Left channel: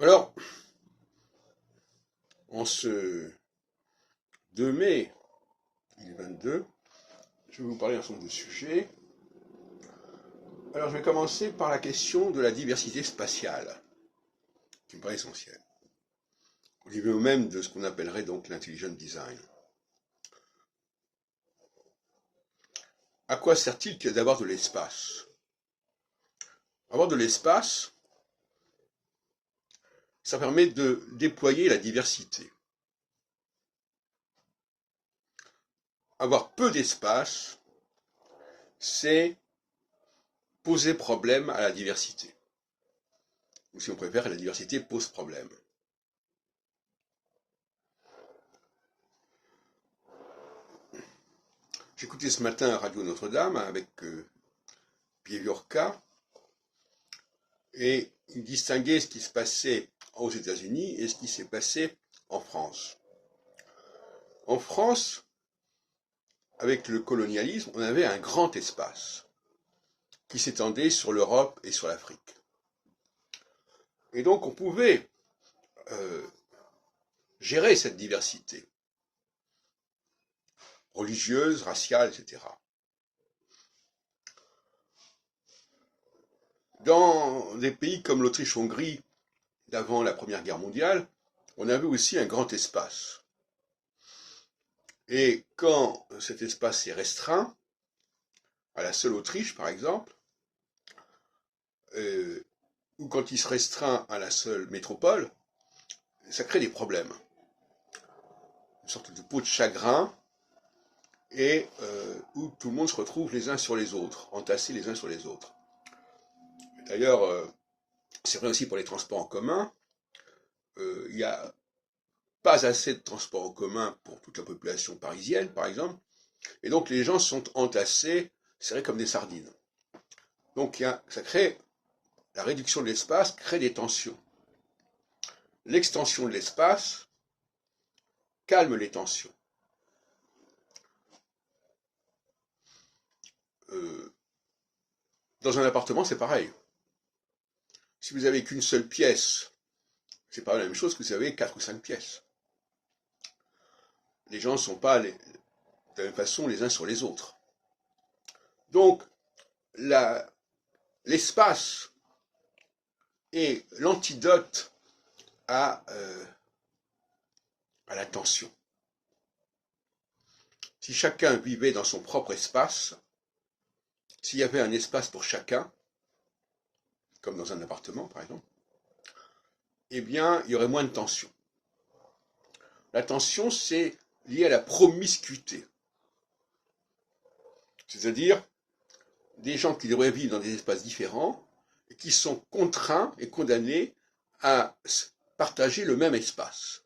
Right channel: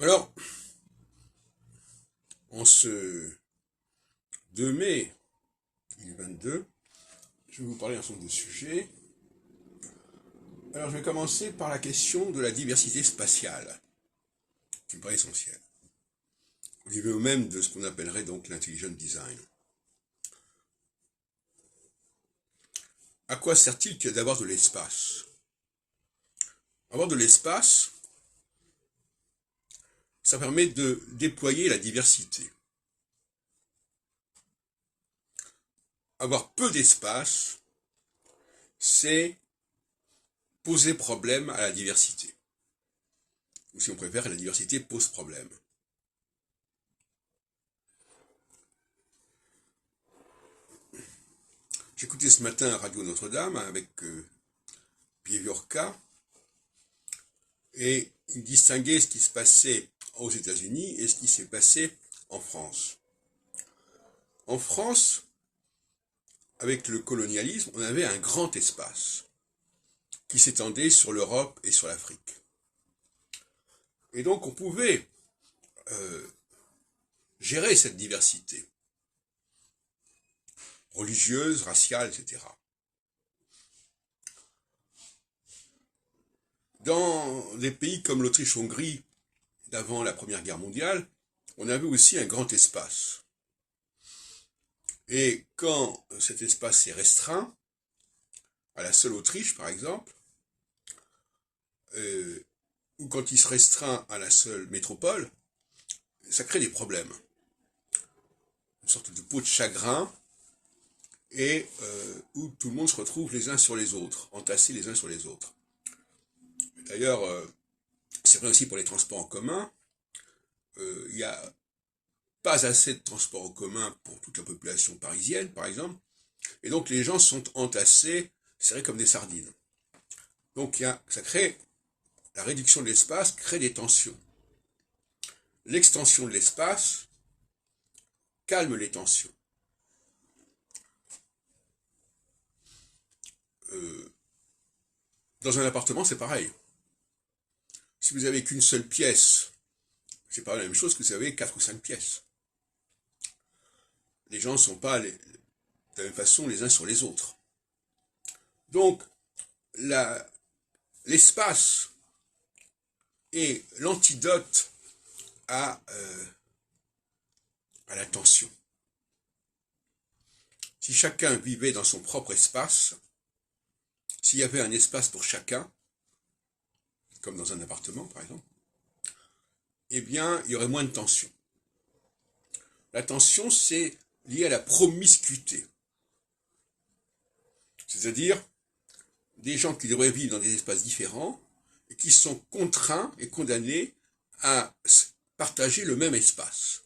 Alors, en ce 2 mai 2022, je vais vous parler d'un certain nombre de sujets. Alors, je vais commencer par la question de la diversité spatiale, qui me paraît essentielle, au niveau même de ce qu'on appellerait donc l'intelligent design. À quoi sert-il d'avoir de l'espace? Avoir de l'espace, ça permet de déployer la diversité. Avoir peu d'espace, c'est poser problème à la diversité. Ou si on préfère, la diversité pose problème. J'écoutais ce matin Radio Notre-Dame avec Pieviorka, et il distinguait ce qui se passait aux États-Unis et ce qui s'est passé en France. En France, avec le colonialisme, on avait un grand espace qui s'étendait sur l'Europe et sur l'Afrique. Et donc on pouvait gérer cette diversité religieuse, raciale, etc. Dans des pays comme l'Autriche-Hongrie, d'avant la Première Guerre mondiale, on avait aussi un grand espace. Et quand cet espace est restreint, à la seule Autriche par exemple, ou quand il se restreint à la seule métropole, ça crée des problèmes. Une sorte de peau de chagrin, et où tout le monde se retrouve les uns sur les autres, entassés les uns sur les autres. D'ailleurs, c'est vrai aussi pour les transports en commun. Il n'y a pas assez de transports en commun pour toute la population parisienne, par exemple, et donc les gens sont entassés, serrés comme des sardines. Donc ça crée, la réduction de l'espace crée des tensions. L'extension de l'espace calme les tensions. Dans un appartement, c'est pareil. Si vous avez qu'une seule pièce, c'est pas la même chose que si vous avez 4 ou 5 pièces. Les gens ne sont pas de la même façon les uns sur les autres. Donc, l'espace est l'antidote à la tension. Si chacun vivait dans son propre espace, s'il y avait un espace pour chacun, comme dans un appartement par exemple, eh bien, il y aurait moins de tension. La tension, c'est lié à la promiscuité. C'est-à-dire des gens qui devraient vivre dans des espaces différents et qui sont contraints et condamnés à partager le même espace.